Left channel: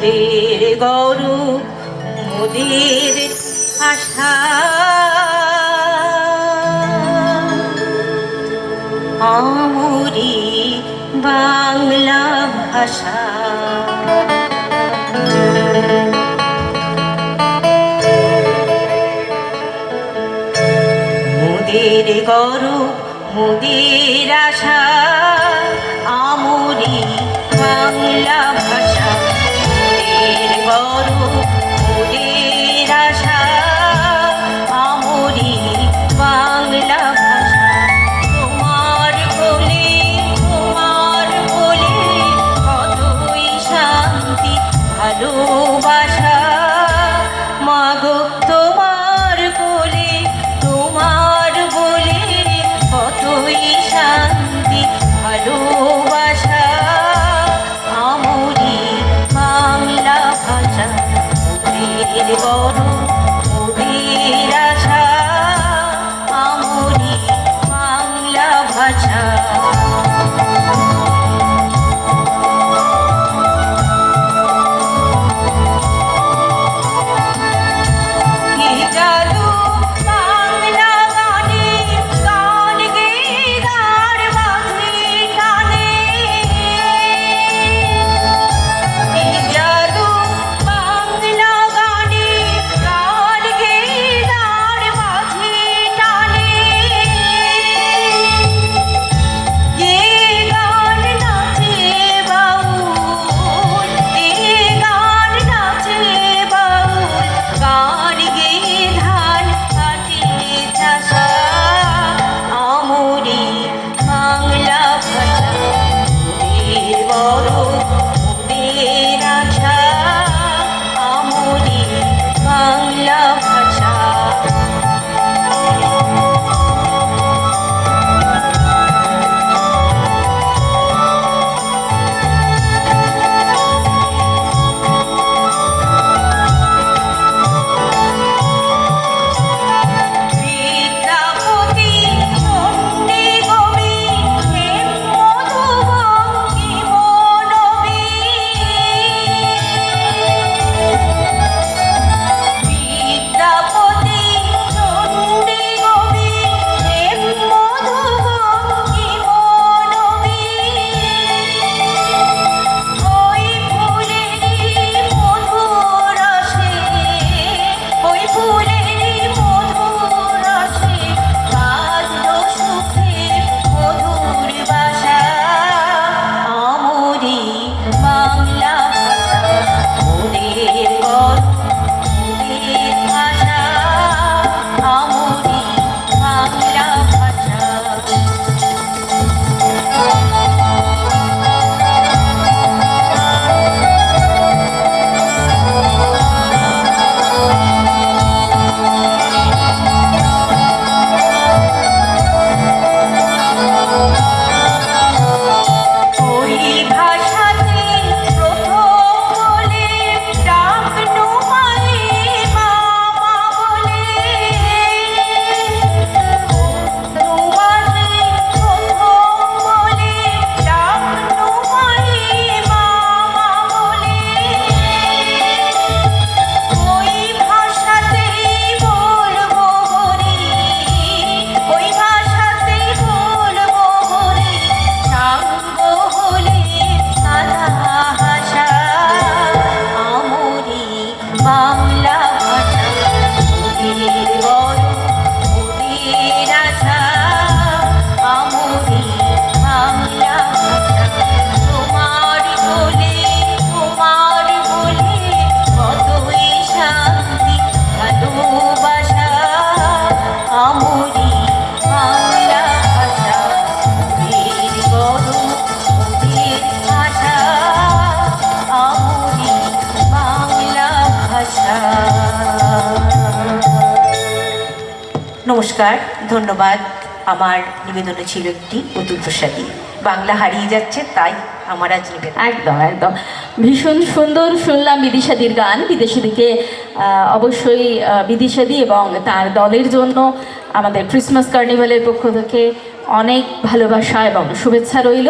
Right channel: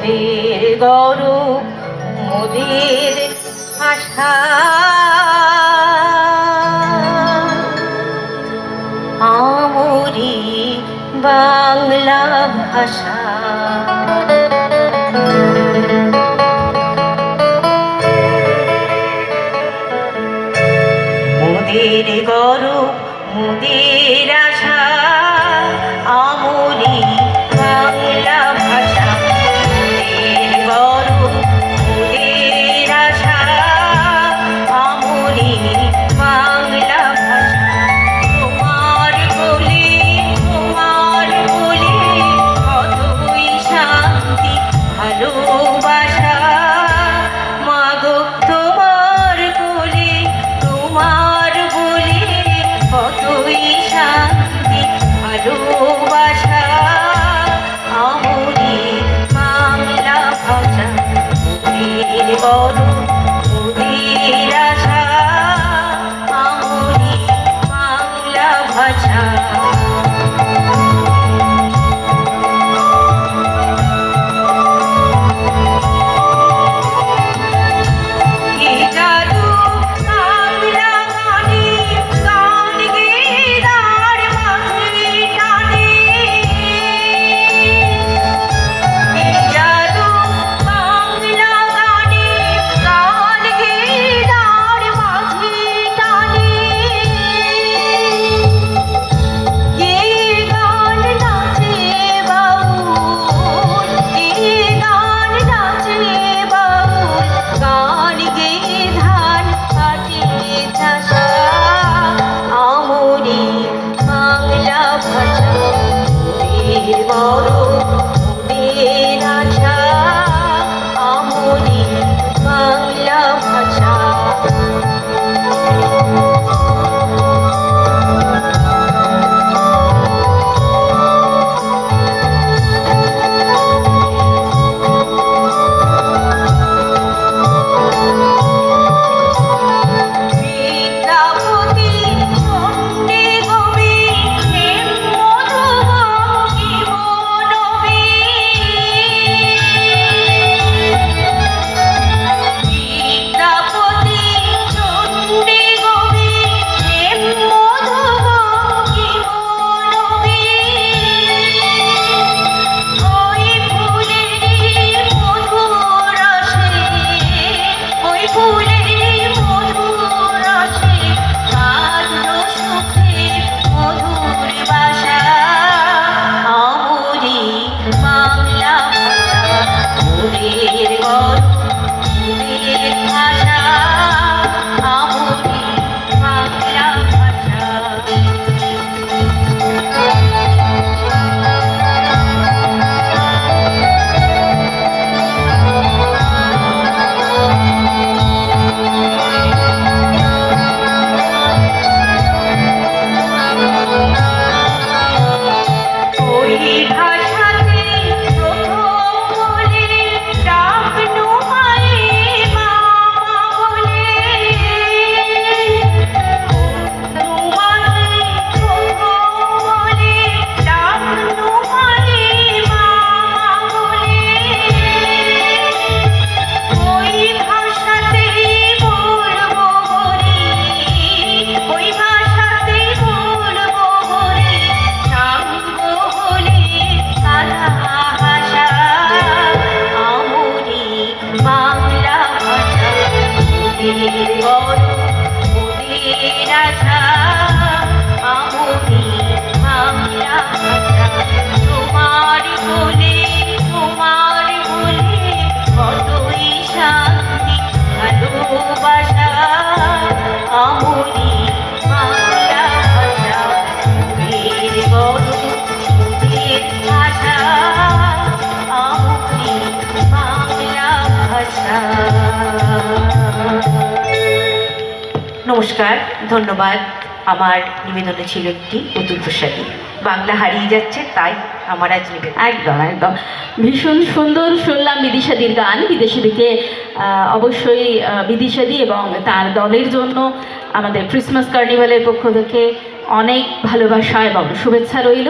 মোদের গৌরব মোদের আশা আমরি বাংলা ভাষা মোদের গৌরব মোদের আশা আমরি বাংলা ভাষা মোদের গৌরব মোদের আশা আমরি বাংলা ভাষা তোমার বলে কতই শান্তি ভালোবাসা মাগো তোমার বলে কতই শান্তি ভালোবাসা আমরি বাংলা ভাষা মোদের গৌরব মোদের আশা আমরি বাংলা ভাষা নমস্কার, ধন্যবাদ। আমার নিবেদনে ছিল একটি অতুল প্রসাদী। বাংলা হারিয়ে যাচ্ছে, তাই আমার আজ নিবেদন। একদম একদম ভীষণ সুন্দর শুনলাম বিদিশাদির গান। বিদেশিদিকে অবশ্যই বিদিশাদি এবং তার দলের জন্য আমাদের ক্রিসমাস কার্নিভালের পক্ষ থেকে অনেক ভালোবাসা এবং শুভেচ্ছা রইল।